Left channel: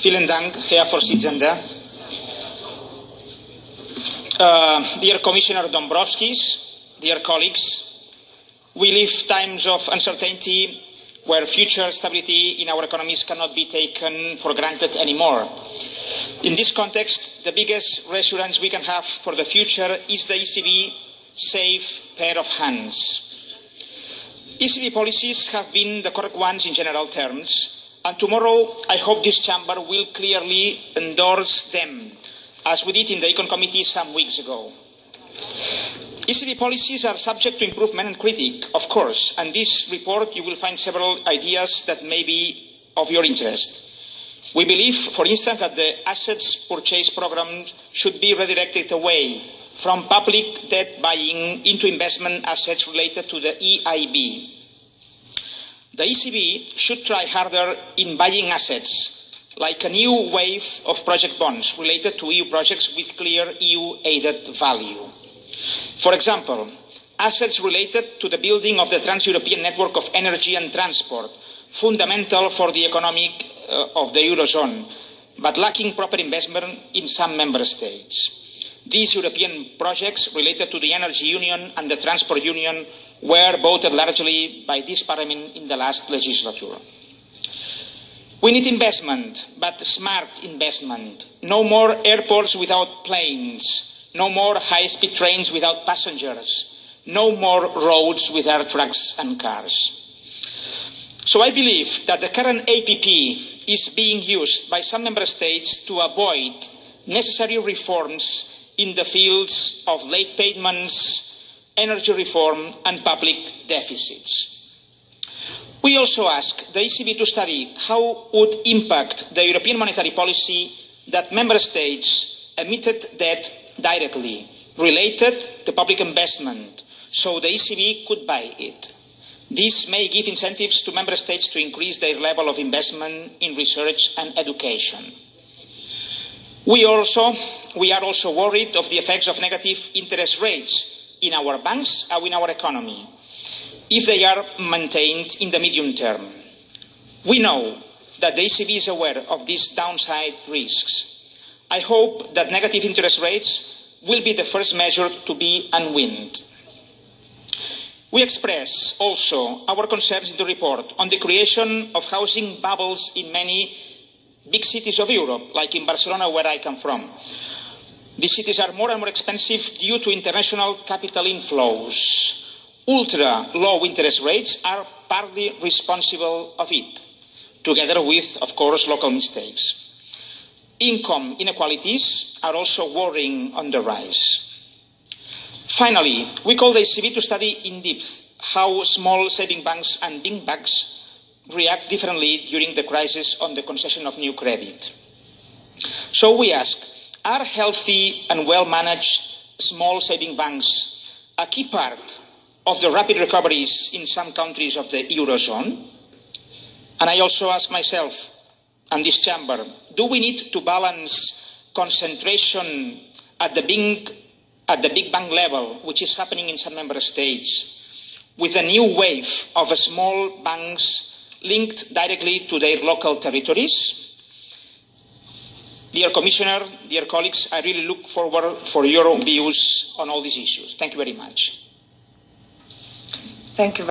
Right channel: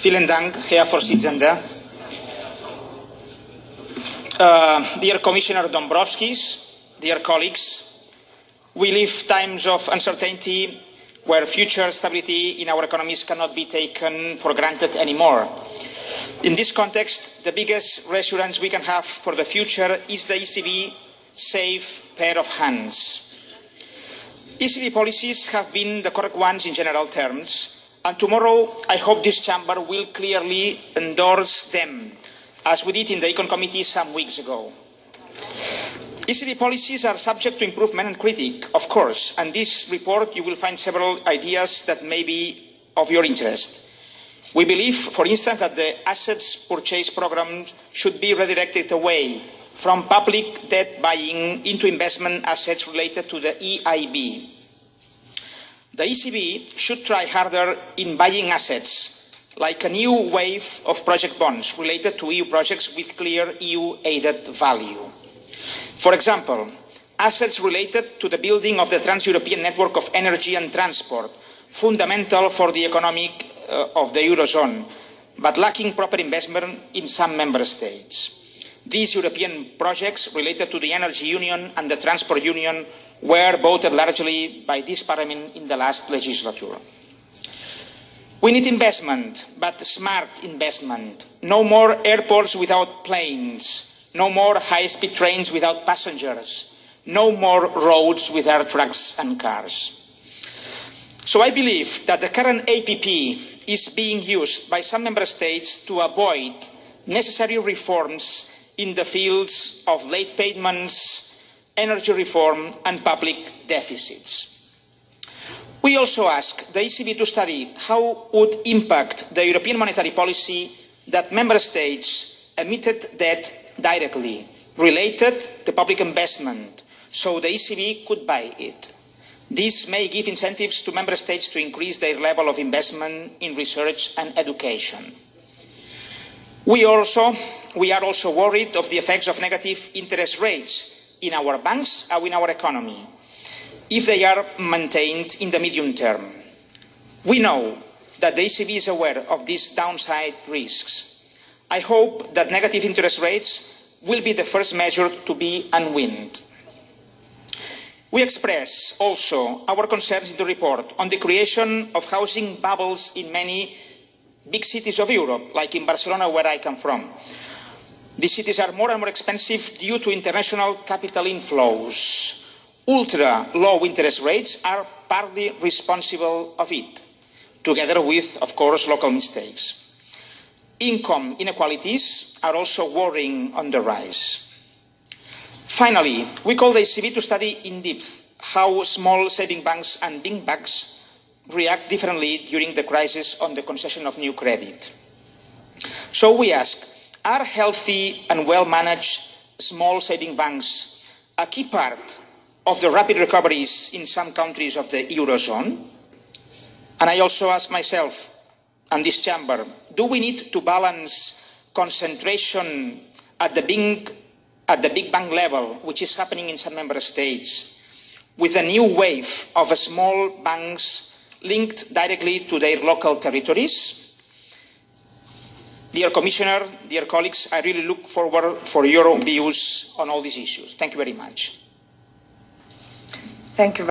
Vielen Dank, Herr Vorsitzender. Dear Commissioner Dombrovskis, dear colleagues, we live times of uncertainty where future stability in our economies cannot be taken for granted anymore. In this context, the biggest reassurance we can have for the future is the ECB safe pair of hands. ECB policies have been the correct ones in general terms, and tomorrow I hope this chamber will clearly endorse them, as we did in the Econ Committee some weeks ago. ECB policies are subject to improvement and critique, of course, and in this report you will find several ideas that may be of your interest. We believe, for instance, that the assets purchase programme should be redirected away from public debt buying into investment assets related to the EIB. The ECB should try harder in buying assets, like a new wave of project bonds related to EU projects with clear EU added value. For example, assets related to the building of the Trans-European Network of Energy and Transport, fundamental for the economic of the Eurozone, but lacking proper investment in some member states. These European projects related to the Energy Union and the Transport Union were voted largely by this Parliament in the last legislature. We need investment, but smart investment. No more airports without planes. No more high-speed trains without passengers. No more roads without trucks and cars. So I believe that the current APP is being used by some member states to avoid necessary reforms in the fields of late payments, energy reform and public deficits. We also ask the ECB to study how would impact the European monetary policy that member states emitted debt directly related to public investment, so the ECB could buy it. This may give incentives to member states to increase their level of investment in research and education. We are also worried of the effects of negative interest rates in our banks and in our economy, if they are maintained in the medium term. We know that the ECB is aware of these downside risks. I hope that negative interest rates will be the first measure to be unwound. We express also our concerns in the report on the creation of housing bubbles in many big cities of Europe, like in Barcelona, where I come from. These cities are more and more expensive due to international capital inflows. Ultra-low interest rates are partly responsible of it, together with, of course, local mistakes. Income inequalities are also worrying on the rise. Finally, we call the ECB to study in depth how small saving banks and big banks react differently during the crisis on the concession of new credit. So we ask, are healthy and well-managed small saving banks a key part of the rapid recoveries in some countries of the Eurozone? And I also ask myself and this chamber, do we need to balance concentration at the big bank level, which is happening in some member states, with a new wave of small banks linked directly to their local territories? Dear Commissioner, dear colleagues, I really look forward for your views on all these issues. Thank you very much. Thank you.